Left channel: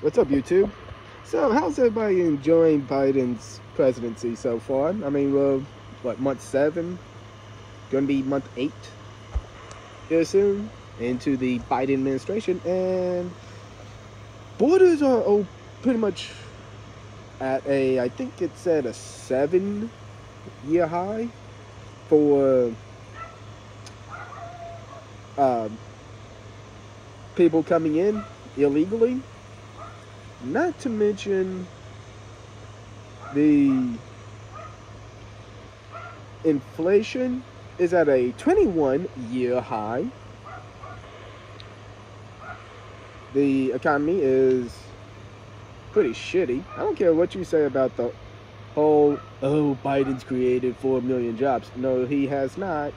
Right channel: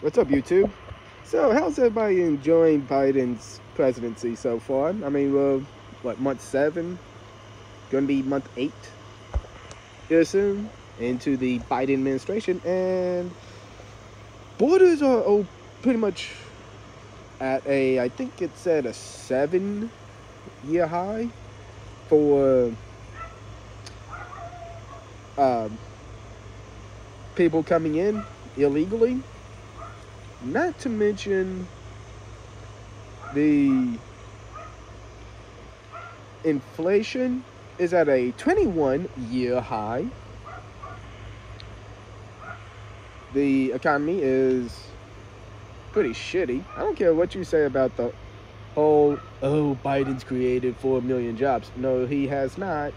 What's up, YouTube? So, how's everybody enjoying Biden's presidency so far? I mean, we're, what, month 7? Gonna be month 8 here soon into the Biden administration, and borders are pretty much at I think it's at a 7-year high for people coming in illegally. Not to mention the inflation is at a 21-year high. The economy is pretty shitty. I don't care what you say about the whole, Biden's created 4 million jobs. No, he has not.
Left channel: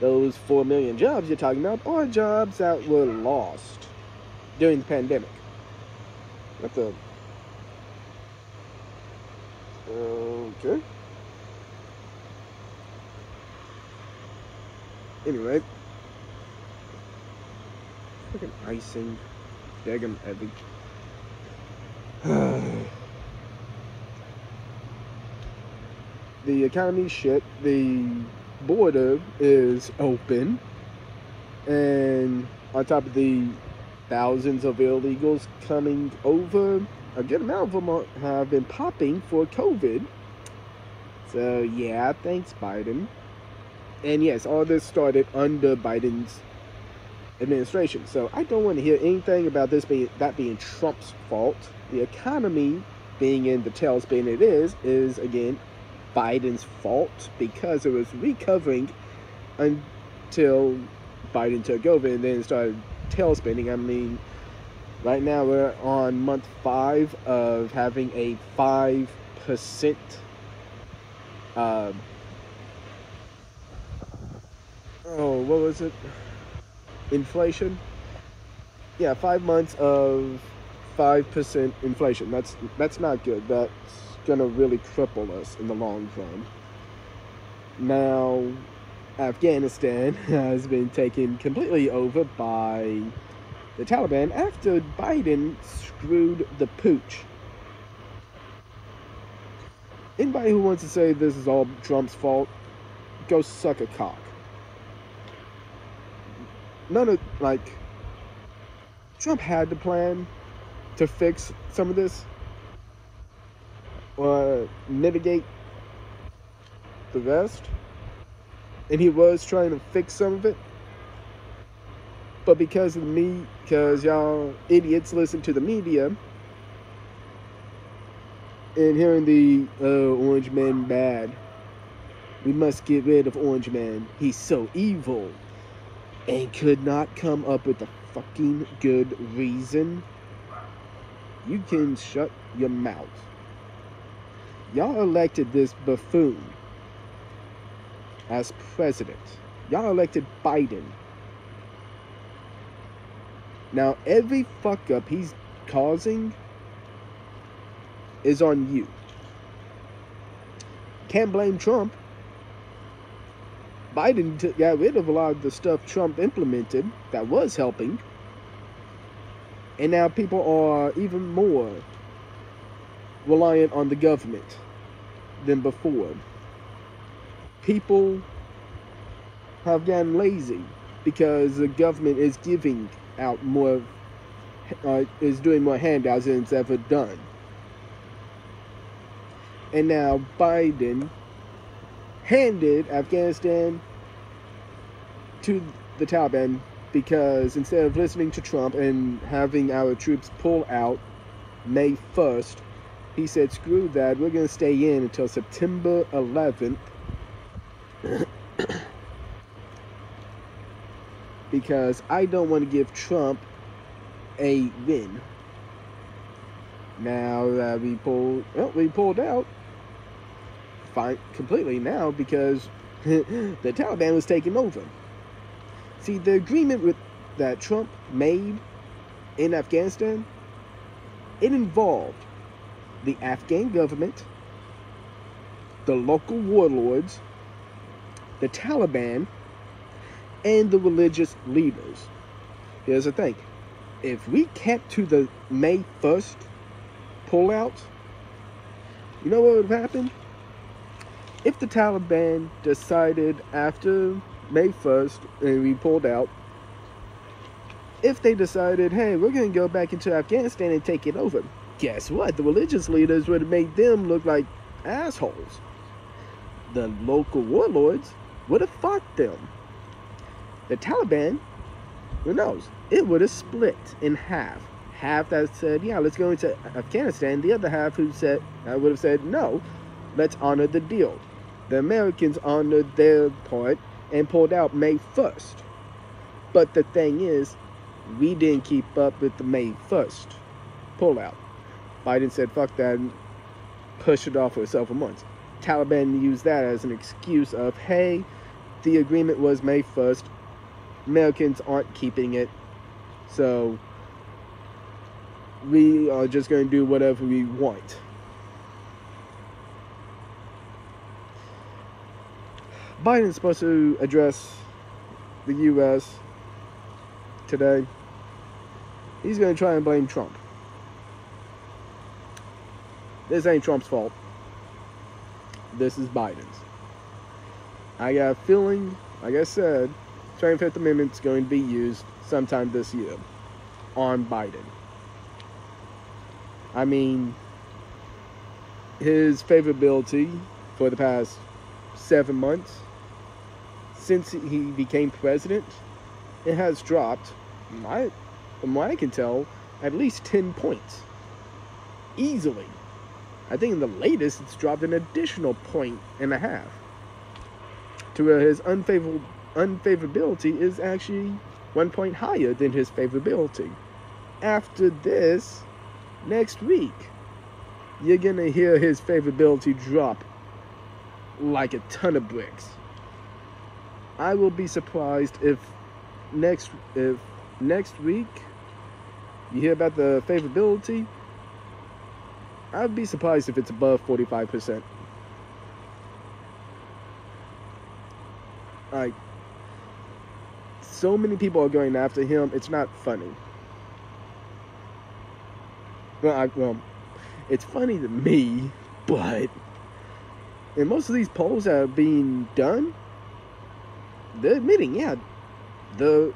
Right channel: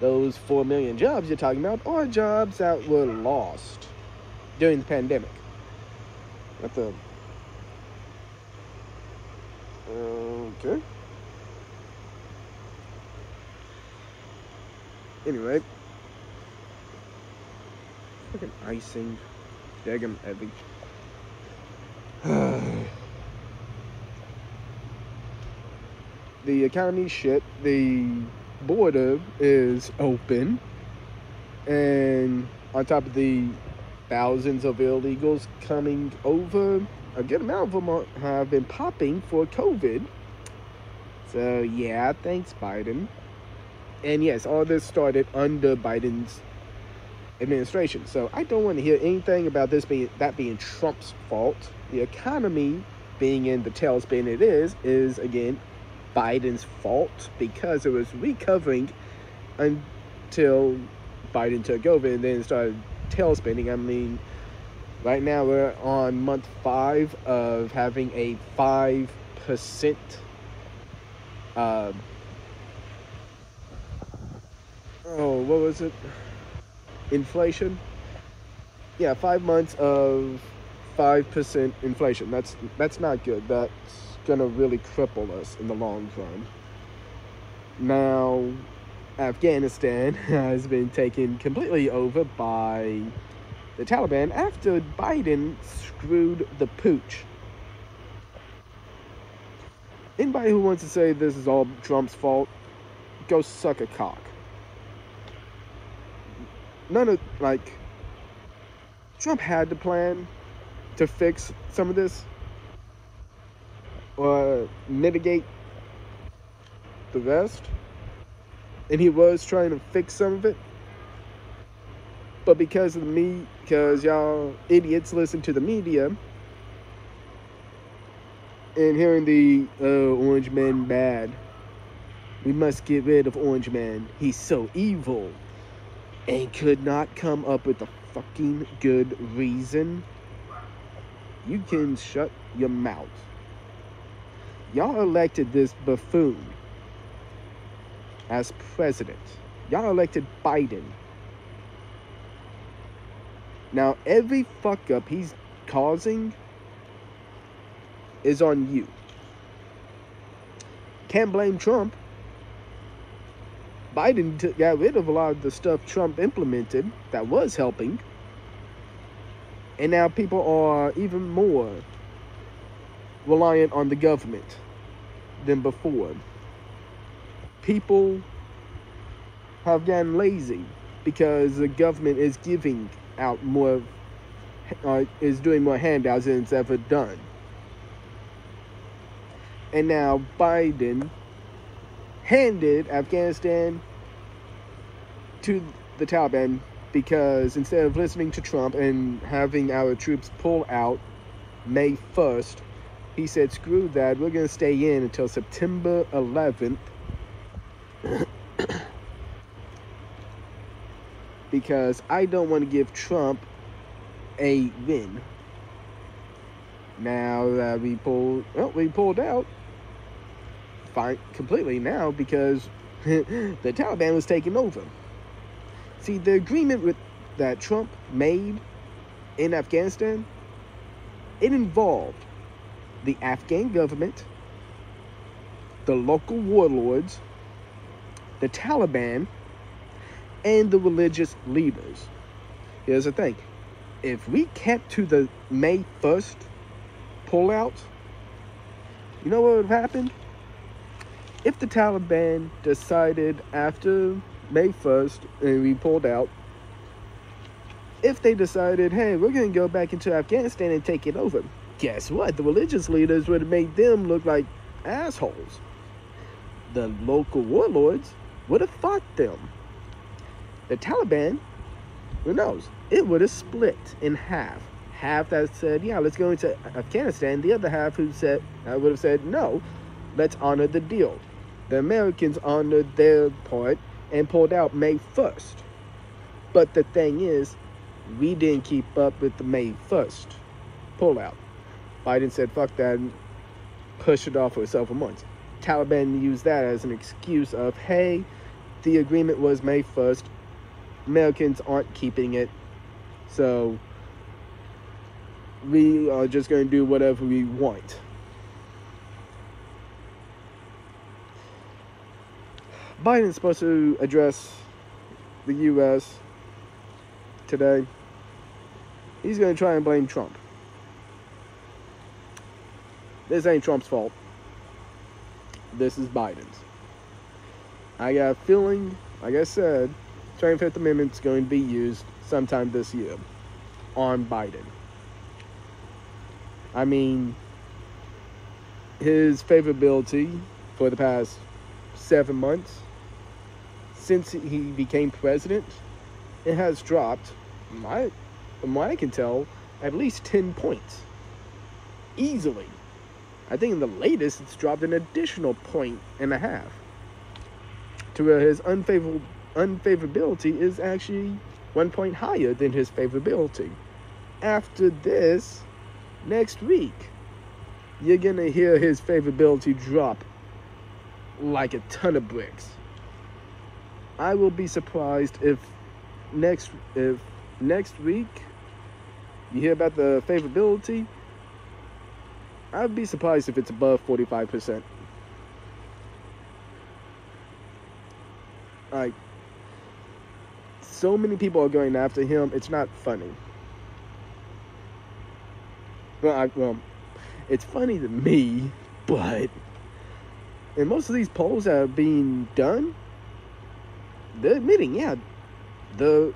Those 4 million jobs you're talking about are jobs that were lost during the pandemic. What the? Okay. Anyway. Fucking icing. Daggum epic. The economy shit. The border is open. And on top of the thousands of illegals coming over, a good amount of them have been popping for COVID. So yeah, thanks Biden. And yes, all this started under Biden's administration. So I don't want to hear anything about this being Trump's fault. The economy being in the tailspin it is again Biden's fault, because it was recovering until Biden took over and then started tailspinning. I mean, right now we're on month 5 of having a 5% what was it? Inflation? Yeah, 5 months of 5% inflation. That's not good. That's gonna really cripple us in the long run. Now, Afghanistan has been taken completely over by the Taliban after Biden screwed the pooch. Anybody who wants to say this is all Trump's fault, go suck a cock. Trump had the plan to fix some of this, or mitigate the rest. And he was trying to fix some of it. But because y'all idiots listen to the media, and hearing the, Orange Man bad. We must get rid of Orange Man. He's so evil. And could not come up with a fucking good reason. You can shut your mouth. Y'all elected this buffoon as president. Y'all elected Biden. Now, every fuck up he's causing is on you. Can't blame Trump. Biden got rid of a lot of the stuff Trump implemented that was helping. And now people are even more reliant on the government than before. People have gotten lazy because the government is giving out more, is doing more handouts than it's ever done. And now Biden handed Afghanistan to the Taliban because instead of listening to Trump and having our troops pull out May 1st, he said, screw that, we're going to stay in until September 11th. Because I don't want to give Trump a win. Now that we pulled out completely now because the Taliban was taking over. See, the agreement that Trump made in Afghanistan, it involved the Afghan government, the local warlords, the Taliban, and the religious leaders. Here's the thing. if we kept to the May 1st pullout, you know what would have happened? If the Taliban decided after May 1st and we pulled out, if they decided, hey, we're going to go back into Afghanistan and take it over, guess what? The religious leaders would have made them look like assholes. The local warlords would have fought them. The Taliban, who knows? It would have split in half. Half that said, yeah, let's go into Afghanistan. The other half who said, would have said, no, let's honor the deal. The Americans honored their part and pulled out May 1st. But the thing is, we didn't keep up with the May 1st pullout. Biden said, fuck that, and pushed it off for several months. Taliban used that as an excuse of, hey, the agreement was May 1st. Americans aren't keeping it. So we are just going to do whatever we want. Biden's supposed to address the U.S. today. He's going to try and blame Trump. This ain't Trump's fault. This is Biden's. I got a feeling, like I said, 25th Amendment is going to be used sometime this year on Biden. I mean, his favorability for the past 7 months, since he became president, it has dropped, from what I can tell, at least 10 points. Easily. I think in the latest, it's dropped an additional 1.5 points. To where his unfavorability is actually 1 point higher than his favorability. After this, next week, you're gonna hear his favorability drop like a ton of bricks. I will be surprised if next week you hear about the favorability. I would be surprised if it's above 45%. Like, so many people are going after him, it's not funny. Well, it's funny to me, but in most of these polls that are being done, they're admitting, yeah, the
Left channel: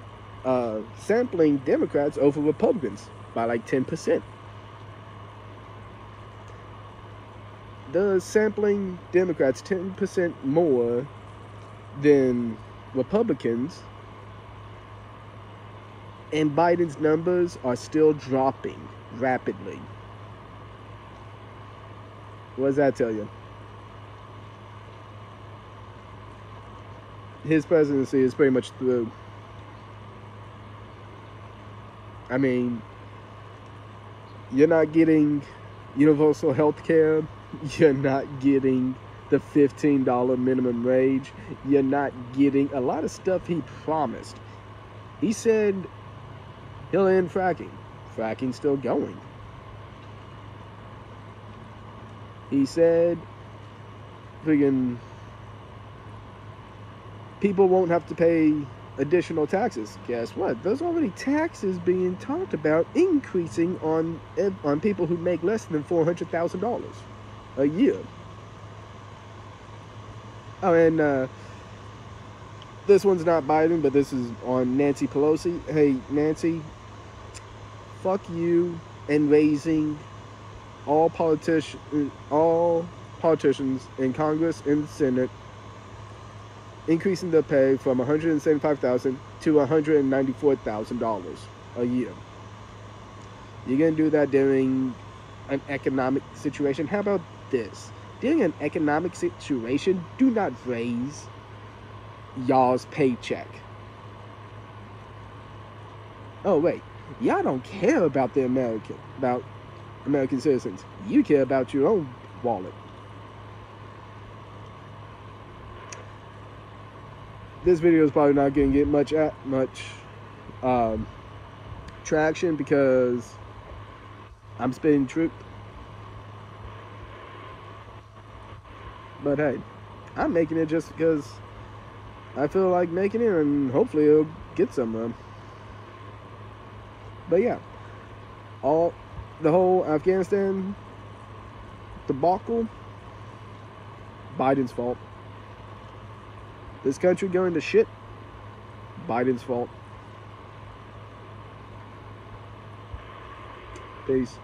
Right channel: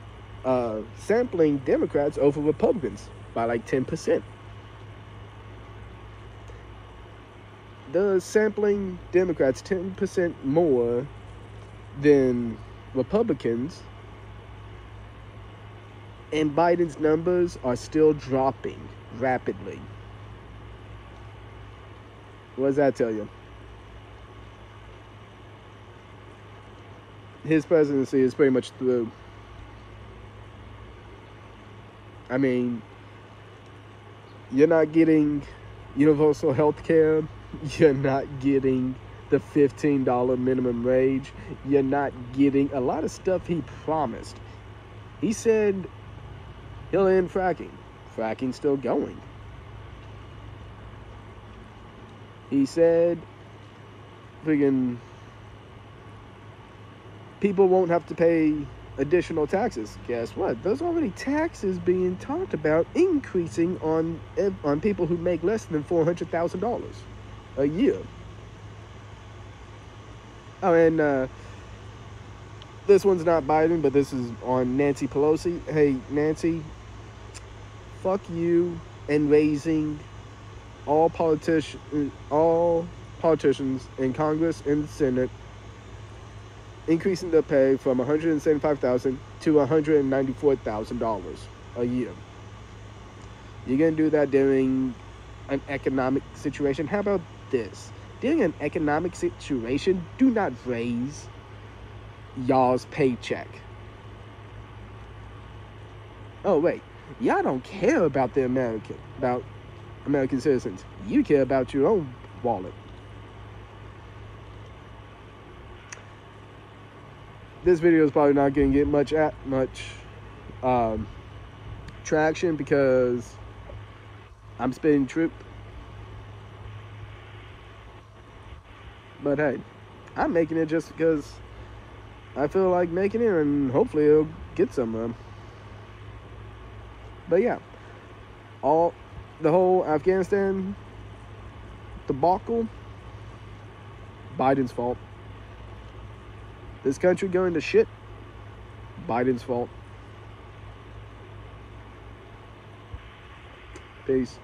sampling Democrats over Republicans by like 10%. They're sampling Democrats 10% more than Republicans, and Biden's numbers are still dropping rapidly. What does that tell you? His presidency is pretty much through. I mean, you're not getting universal health care. You're not getting the $15 minimum wage. You're not getting a lot of stuff he promised. He said he'll end fracking. Fracking's still going. He said friggin' people won't have to pay additional taxes. Guess what? There's already taxes being talked about increasing on people who make less than $400,000 a year. Oh, and this one's not Biden, but this is on Nancy Pelosi. Hey, Nancy, fuck you and raising all politicians in Congress and the Senate, increasing their pay from $175,000 to $194,000 a year. You're gonna do that during an economic situation? How about this? During an economic situation, do not raise y'all's paycheck. Oh wait, y'all don't care about American citizens. You care about your own wallet. This video is probably not going to get much traction because I'm spitting truth. But hey, I'm making it just because I feel like making it, and hopefully it'll get somewhere. But yeah, the whole Afghanistan debacle, Biden's fault. This country going to shit, Biden's fault. Peace.